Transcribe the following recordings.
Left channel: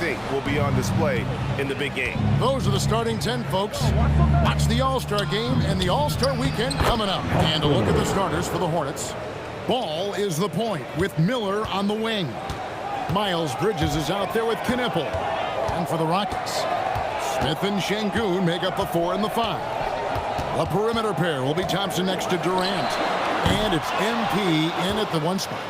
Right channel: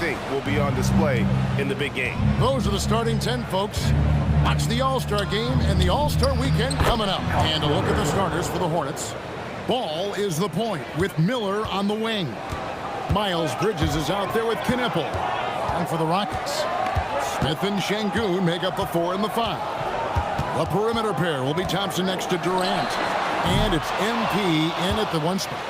think will be on display in the big game. Those are the starting 10, folks. Watch the All-Star game and the All-Star weekend coming up. And a look at the starters for the Hornets. Ball is the point with Miller on the wing. Miles Bridges is out there with Knipple. And for the Rockets, Smith and Şengün make up the 4 and the 5. The perimeter pair will be Thompson next to Durant. And it's MP in at the 1 spot.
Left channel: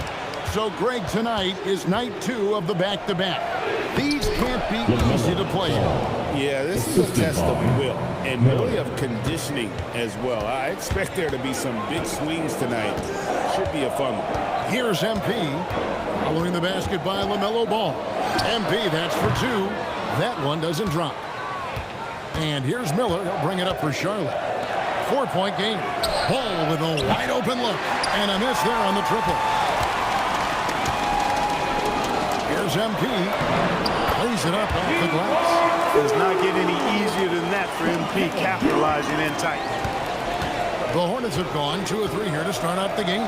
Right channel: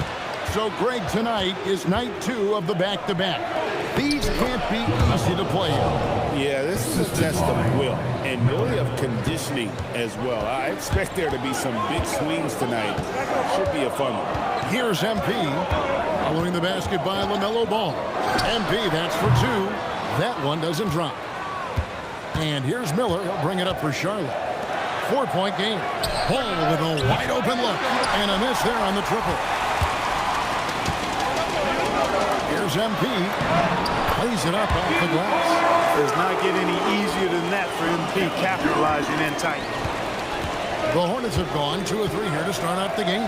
So, Greg, tonight is night 2 of the back-to-back. These can't be easy to play in. Yeah, this is a test of will and really of conditioning as well. I expect there to be some big swings tonight. Should be a fun one. Here's MP. Following the basket by LaMelo Ball. MP, that's for 2. That one doesn't drop. And here's Miller. He'll bring it up for Charlotte. 4-point game. Ball with a wide-open look. And a miss there on the triple. Here's MP. Plays it up off the glass. Does not get any easier than that for MP, capitalizing in tight. The Hornets have gone 2 of 3 here to start out the game.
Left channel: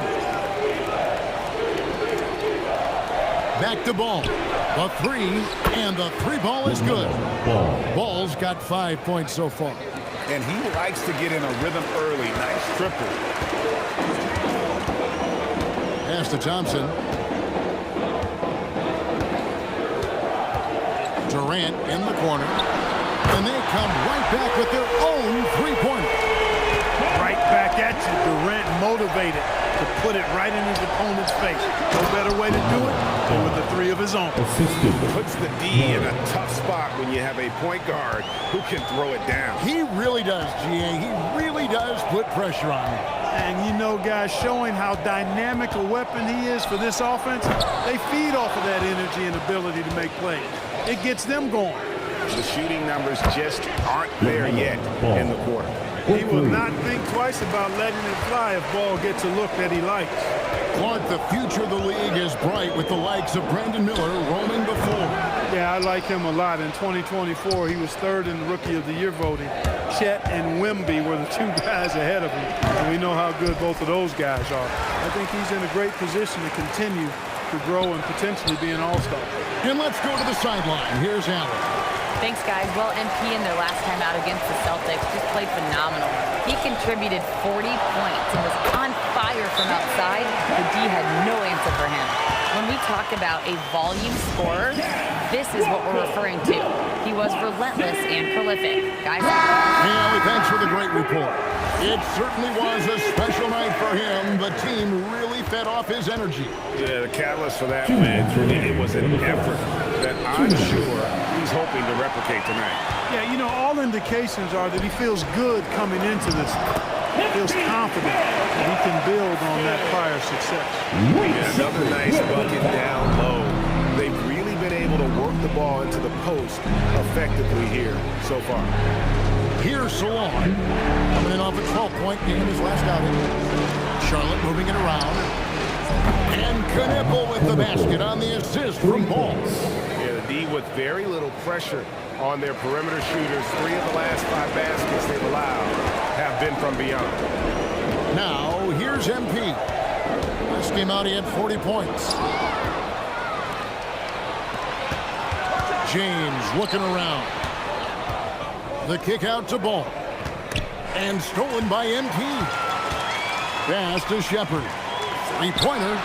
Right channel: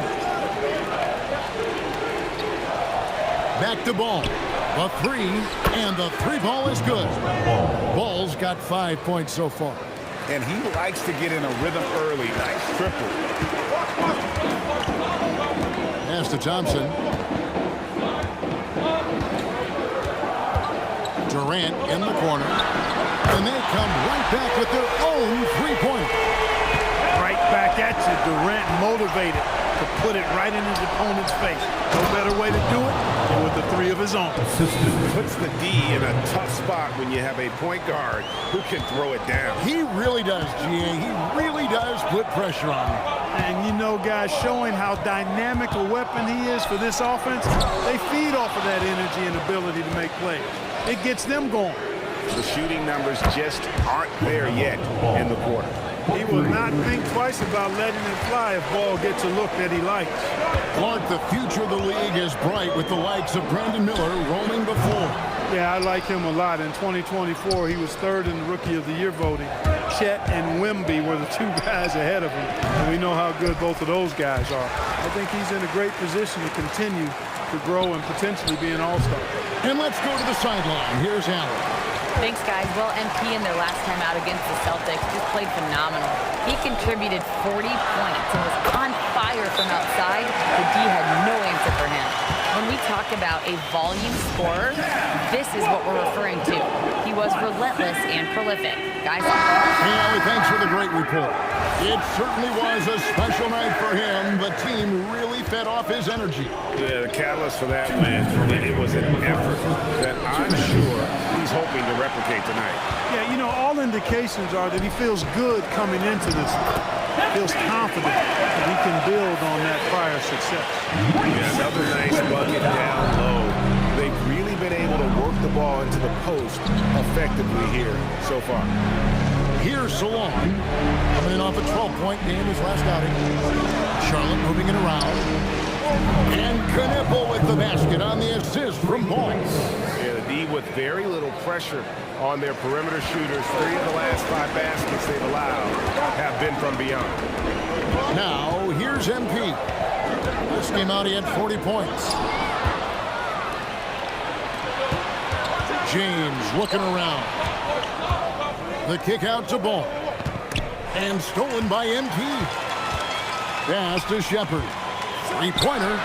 Back to Ball. The 3, and the 3 ball is good. Ball's got 5 points so far. And he likes to get in a rhythm early. Nice triple. Pass to Thompson. Durant in the corner. And they come right back with their own 3-pointer. Right back at you. Durant motivated to put it right in his opponent's face. No better way to do it than with a 3 of his own. Puts the D in a tough spot when you have a point guard who can throw it down. He really does, GA. He really does put pressure on him. And you know, guys, showing how dynamic a weapon he is for this offense, they feed off of that energy and ability to make plays. It gets them going. The shooting numbers just aren't there yet in the quarter. He will not think twice about letting it fly if Ball gets a look that he likes. Clark, the future of the league is bright with the likes of Brandon Miller roaming the floor. Yeah, I like him a lot. In 2024, he was 3rd in the Rookie of the Year voting. Chet and Wemby were the 2 guys ahead of him, and we know how good both of those guys are. I think he's in a great position to continue to grow and potentially be an all-star. And let's go to the sideline. Here's Allen. Thanks, guys. Well, MP in their last time out against the Celtics just played phenomenal. He contributed 40 points and was on fire from outside. The D had no answer for him. When we talk about a volume scorer, this is what we're referring to. He was relentless and prolific. Guys? Hey, Allie, thanks for the great report. It certainly was a special night for him. The team really fed off his energy. Yeah, the catalyst for that win, it was an effort that I'm sure he's hoping to replicate tonight. Yeah, you know, all indications are that he feels good coming into this. Feels confident that he can build on that prior success. Yeah, another nice bucket down low. They've really been able to work the ball into the post effectively here so far. Here's Salon, coming in off a 12-point game his last outing. Charlotte moving it around. And Knipple with the basket on the assist from Ball. Yeah, the D with very little pressure on their perimeter shooters. 3 of the last 5 baskets they've allowed have been from beyond. Now, here's MP. Last game out, he had 40 points. James looking around. The kick out to Ball. And stolen by MP. Pass to Shepard. 3-pointer.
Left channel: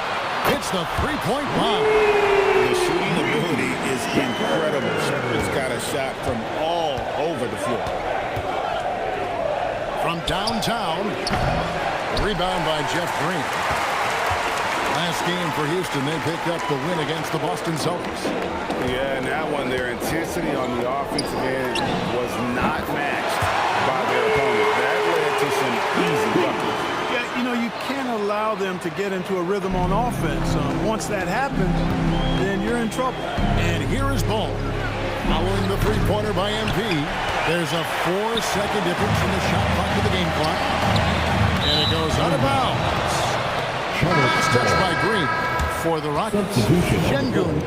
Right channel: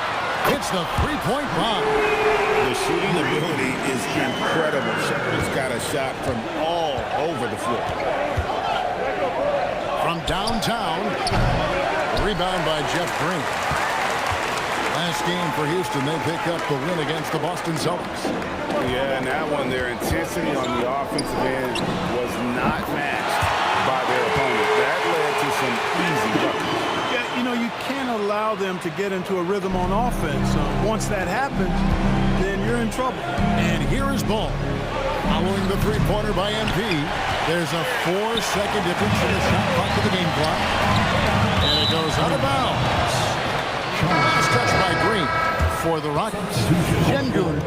Hits the 3-point bomb. The shooting ability is incredible. Shepard's got a shot from all over the floor. From downtown. Rebound by Jeff Green. Last game for Houston, they pick up the win against the Boston Celtics. Yeah, and that one, their intensity on the offensive end was not matched by their opponent. That led to some easy buckets. Yeah, you know, you can't allow them to get into a rhythm on offense. Once that happens, then you're in trouble. And here is Ball. Following the 3-pointer by MP, there's a 4-second difference in the shot clock to the game clock. And it goes out of bounds. Last touch by Green for the Rockets. Şengün.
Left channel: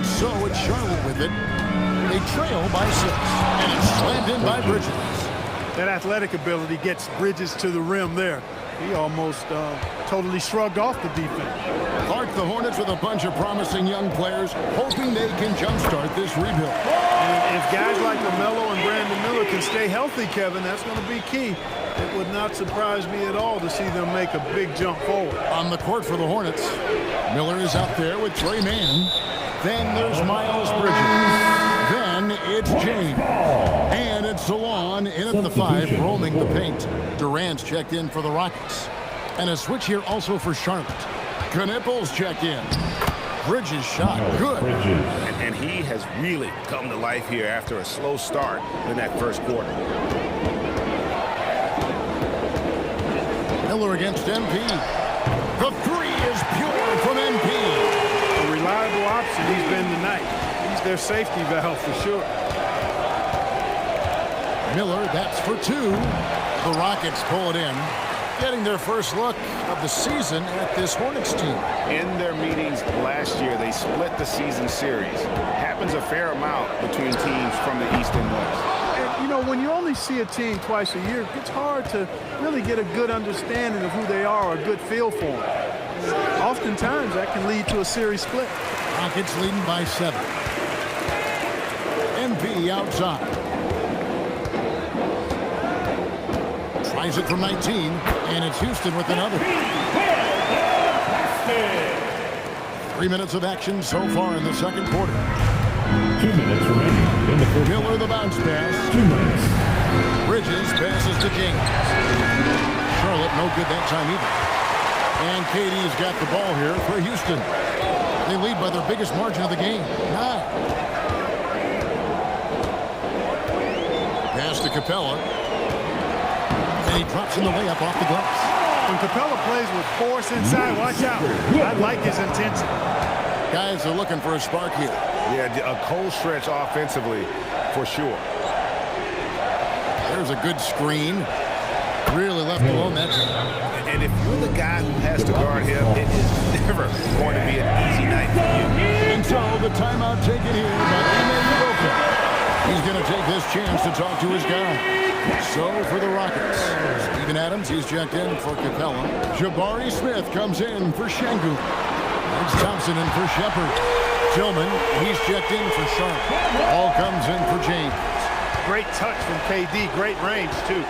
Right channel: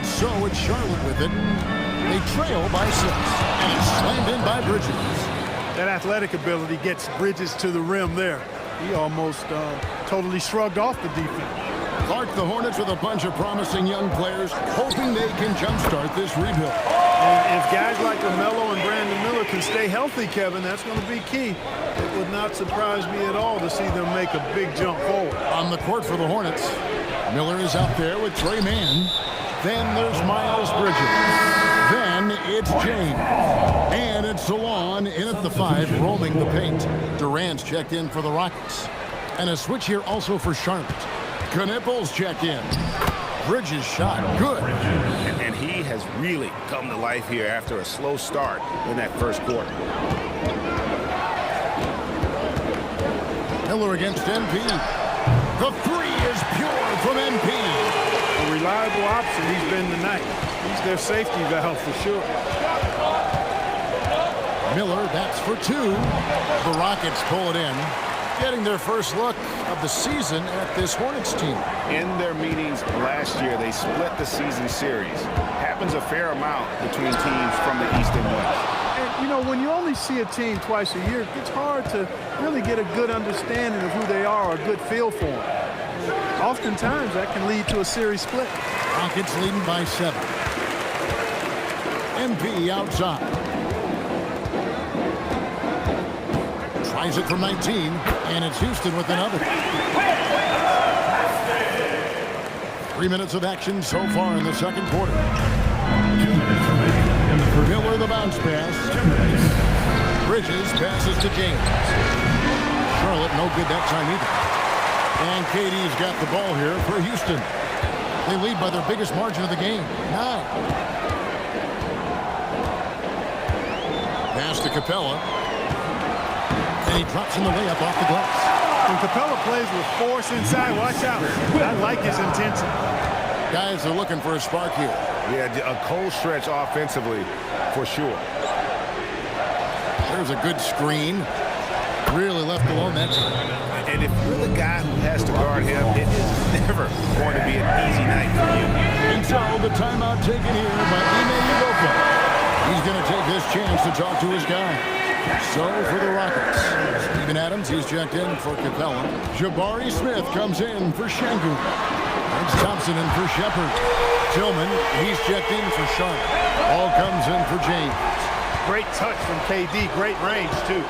And so it's Charlotte with it. They trail by 6, and it's slammed in by Bridges. That athletic ability gets Bridges to the rim there. He almost totally shrugged off the defense. Clark, the Hornets with a bunch of promising young players, hoping they can jumpstart this rebuild. And if guys like LaMelo and Brandon Miller can stay healthy, Kevin, that's going to be key. It would not surprise me at all to see them make a big jump forward. On the court for the Hornets, Miller is out there with Trey Mann. Then there's Miles Bridges. Then it's James. And it's Salon in at the 5, roaming the paint. Durant's checked in for the Rockets. And a switch here also for Charlotte. Knipples checked in. Bridges shot good. And he has really come to life here after a slow start in that first quarter. Miller against MP. The 3 is pure from MP. A reliable option he's been tonight. He's their safety valve for sure. Miller, that's for 2. The Rockets pull it in, getting their first look of the season at this Hornets team. In their meetings last year, they split the season series. Happens a fair amount between teams from the East and West. And, you know, when you only see a team twice a year, it's hard to really get a good understanding of who they are, or a good feel for them. And oftentimes, that can lead to a series split. Rockets leading by 7. MP outside. Tries it from 19, and it's Houston with another. 3 minutes of action so far in the second quarter. 2 minutes remaining in the first. Miller the bounce pass. 2 minutes. Bridges passes to James. Charlotte no good that time either. And KD's got the ball here for Houston. They lead by their biggest margin of the game, 9. Pass to Capella. And he drops in the layup off the glass. When Capella plays with force inside, watch out. I like his intensity. Guys are looking for a spark here. Yeah, a cold stretch offensively for sure. There's a good screen. Really left alone that time. And if you're the guy who has to guard him, it is never going to be an easy night for you. And so the timeout taken here by Ime Udoka. He's going to take this chance to talk to his guy. So for the Rockets, Steven Adams, he's checked in for Capella. Jabari Smith comes in for Şengün. It's Thompson in for Shepard. Tillman, he's checked in for Charlotte. All comes in for James. Great touch from KD. Great range, too.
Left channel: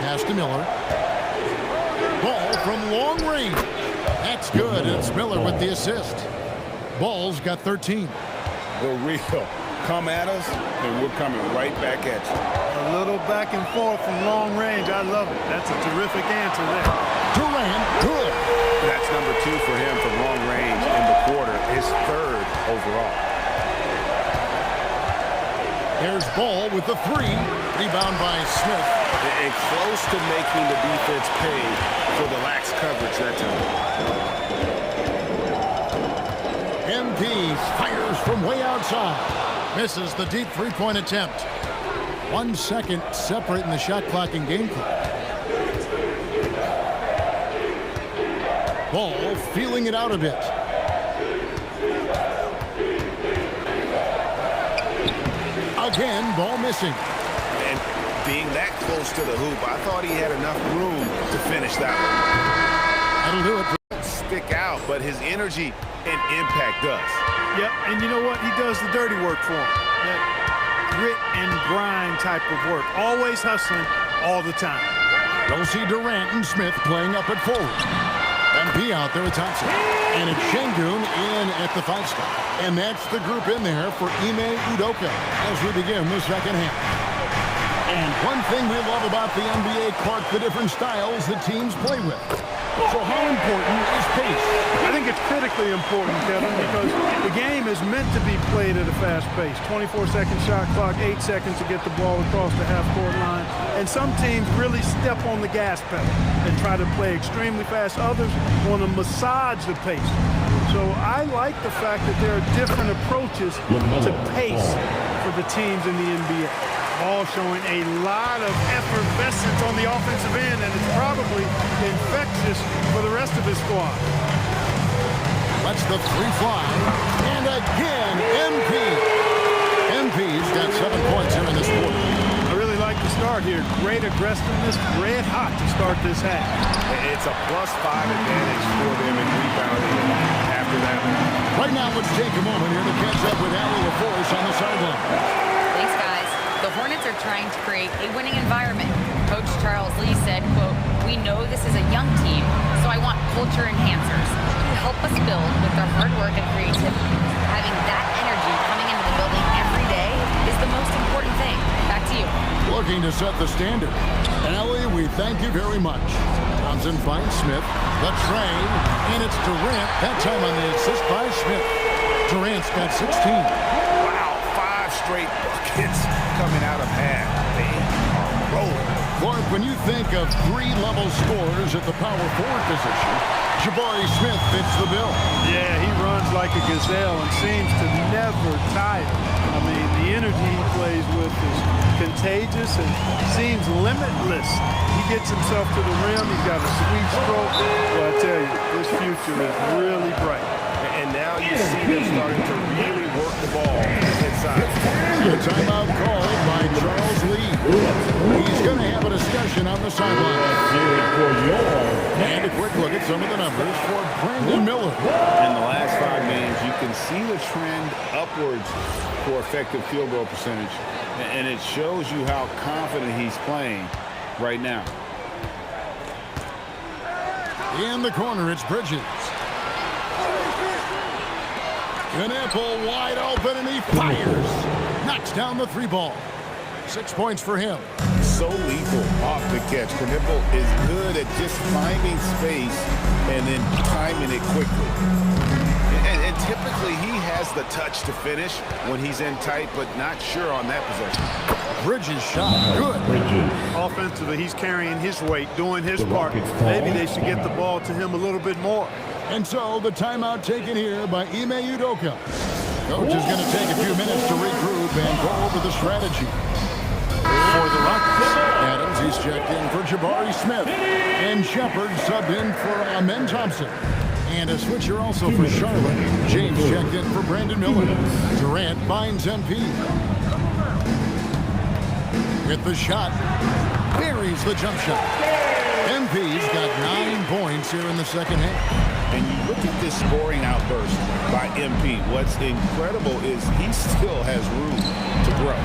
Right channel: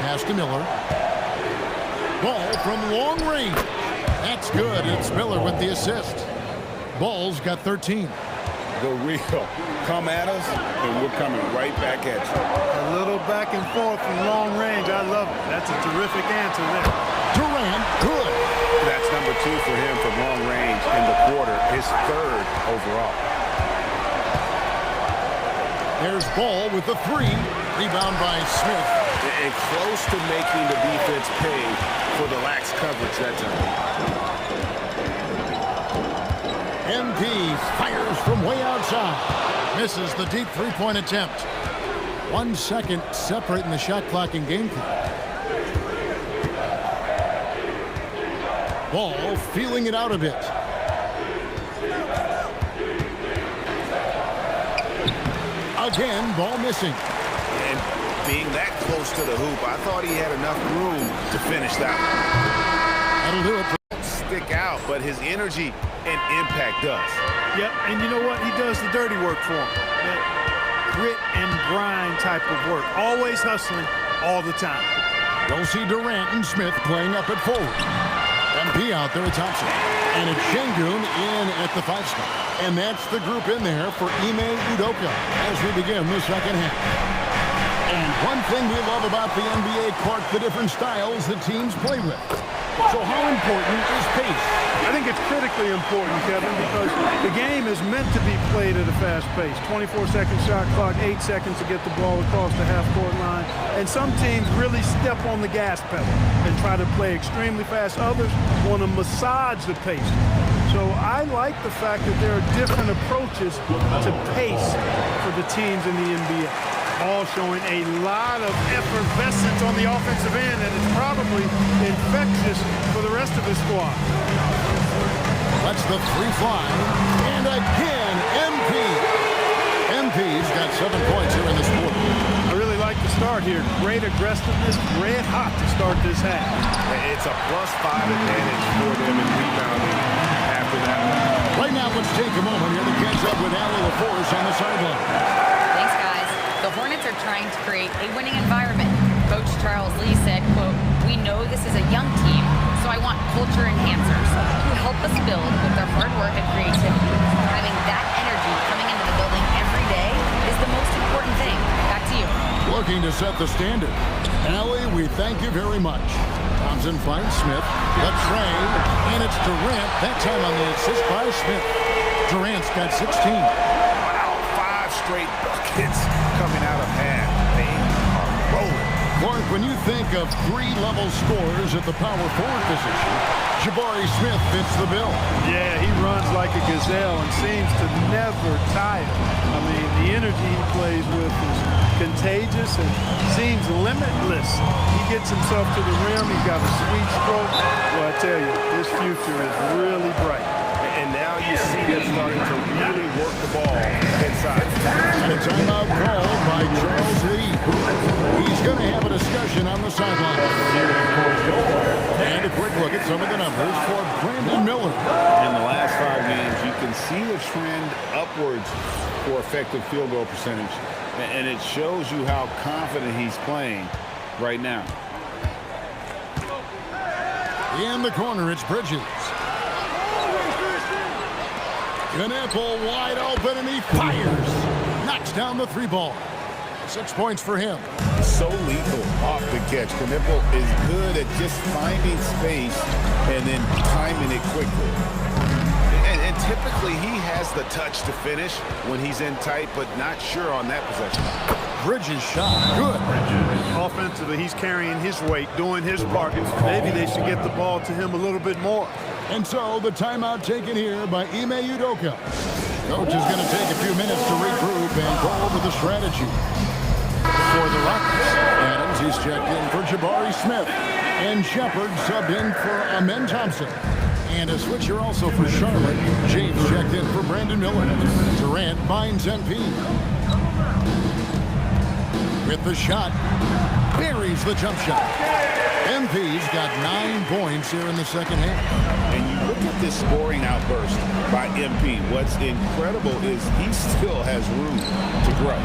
Pass to Miller. Ball from long range. That's good, and it's Miller with the assist. Ball's got 13. The real. Come at us, and we're coming right back at you. A little back and forth from long range. I love it. That's a terrific answer there. Durant, good. That's number 2 for him from long range in the quarter, his 3rd overall. There's Ball with the 3. Rebound by Smith. And close to making the defense pay for the lax coverage that time. MP fires from way outside. Misses the deep three-point attempt. 1 second separating the shot clock and game clock. Ball feeling it out a bit. Again, ball missing. And being that close to the hoop, I thought he had enough room to finish that one. That'll do it. Don't stick out, but his energy and impact does. Yep, and you know what? He does the dirty work for him. That grit and grind type of work. Always hustling all the time. You'll see Durant and Smith playing up at forward. MP out there with Thompson. And it's Şengün in at the 5 spot. And that's the group in there for Ime Udoka as we begin the second half. And one thing we love about the NBA, Clark, the different styles that teams play with. So how important is pace? I think it's critically important, Kevin, because the game is meant to be played at a fast pace. 24-second shot clock, 8 seconds to get the ball across the half-court line. And some teams really step on the gas pedal and try to play extremely fast. Others want to massage the pace. So I like the fact that there are different approaches to pace for the teams in the NBA. Ball showing a lot of effervescence on the offensive end, and it's probably infectious for the rest of his squad. Lets the three fly. And again, MP's got 7 points here in this quarter. I really like the start here. Great aggressiveness, red hot to start this half. It's a +5 advantage for them in rebounding after that one. Right now, let's take a moment here to catch up with Allie LaForce on the sideline. Thanks, guys. The Hornets are trying to create a winning environment. Coach Charles Lee said, quote, "We know this is a young team, so I want culture enhancers who help us build with their hard work and creativity. Having that energy coming into the building every day is the most important thing." Back to you. Looking to set the standard. Allie, we thank you very much. Thompson finds Smith. The tray, and it's Durant. That time on the assist by Smith. Durant's got 16. Wow, 5 straight buckets coming out of half. They are rolling. Clark, when you think of 3-level scorers at the power forward position, Jabari Smith fits the bill. Yeah, he runs like a gazelle and seems to never tire. I mean, the energy he plays with is contagious and seems limitless. He gets himself to the rim. He's got a sweet stroke. Well, I tell you, his future is really bright. And now you see them starting to really work the ball inside. And a timeout called by Charles Lee. He's going to have a discussion on the sideline. And a quick look at some of the numbers for Brandon Miller. In the last 5 games, you can see the trend upwards for effective field goal percentage. And it shows you how confident he's playing right now. In the corner, it's Bridges. Knipple wide open, and he fires. Knocks down the 3 ball. 6 points for him. So lethal off the catch. Knipple is good at just finding space and then timing it quickly. And typically he has the touch to finish when he's in tight, but not sure on that possession. Bridges shot. Good. Offensively, he's carrying his weight, doing his part. Maybe they should get the ball to him a little bit more. And so the timeout taken here by Ime Udoka. Coach is going to take a few minutes to regroup and go over the strategy. For the Rockets, Adams, he's checked in for Jabari Smith. And Shepard subbed in for Amen Thompson. And a switcher also for Charlotte. James checked in for Brandon Miller. Durant finds MP. With the shot, buries the jump shot. MP's got 9 points here in the second half. And you look at this scoring outburst by MP. What's incredible is he still has room to grow.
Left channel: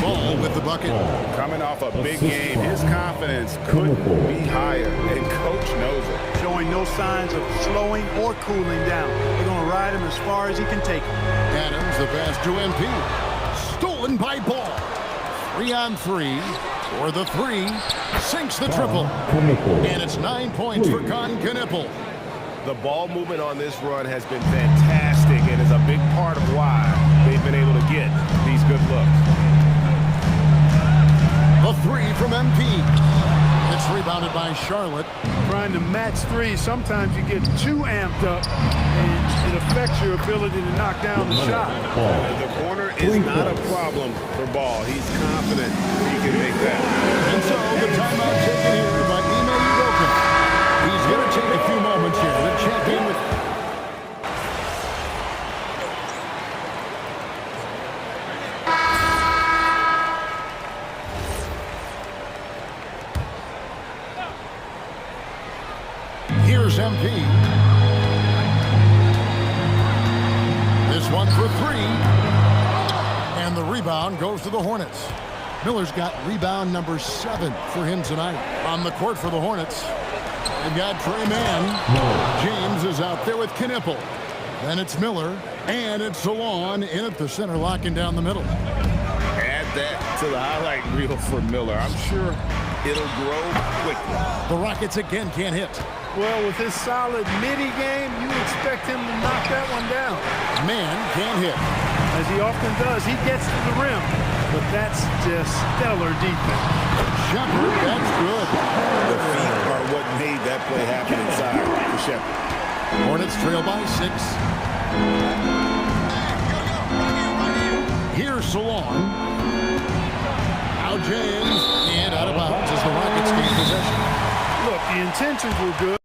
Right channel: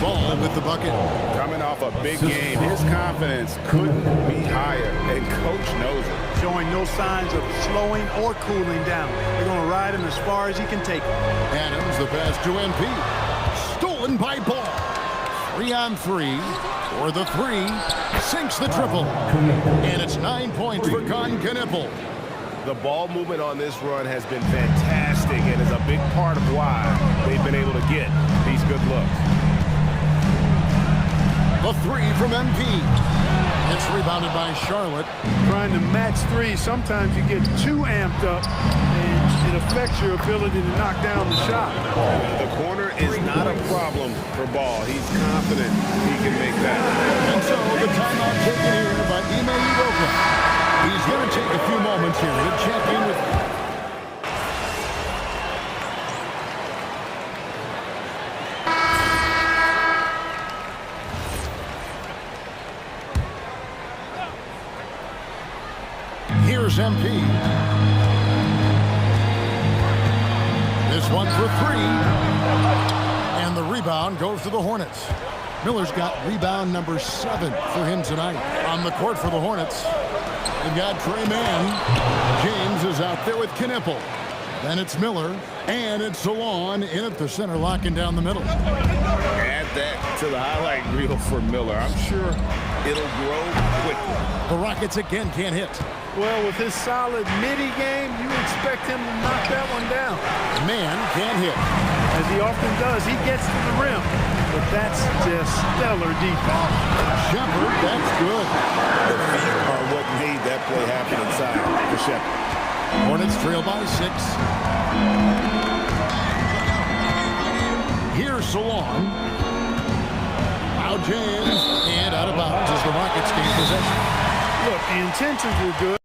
Ball with the bucket. Coming off a big game, his confidence couldn't be higher, and Coach knows it. Showing no signs of slowing or cooling down. They're going to ride him as far as he can take him. Adams, the pass to MP. Stolen by Ball. 3-on-3 for the 3. Sinks the triple. And it's 9 points for Con Knipple. The ball movement on this run has been fantastic and is a big part of why they've been able to get these good looks. The 3 from MP. It's rebounded by Charlotte. Trying to match 3, sometimes you get too amped up and it affects your ability to knock down the shot. The corner is not a problem for Ball. He's confident he can make that. And so the timeout taken here by Ime Udoka. He's going to take a few moments here to check in with... Here's MP. This one for 3. And the rebound goes to the Hornets. Miller's got rebound number 7 for him tonight. On the court for the Hornets, they've got Trey Mann. James is out there with Knipple. Then it's Miller. And it's Salon in at the center, locking down the middle. Add that to the highlight reel for Miller. I'm sure it'll grow quickly. The Rockets again can't hit. Well, with his solid midi game, you expect him to knock that one down. Mann can't hit. As he often does, he gets to the rim. But that's just stellar defense. Shepard, that's good. The feet are what made that play happen inside for Shepard. Hornets trail by 6. Here's Salon. Now James, and out of bounds as the Rockets gain possession. Look, the intentions were good.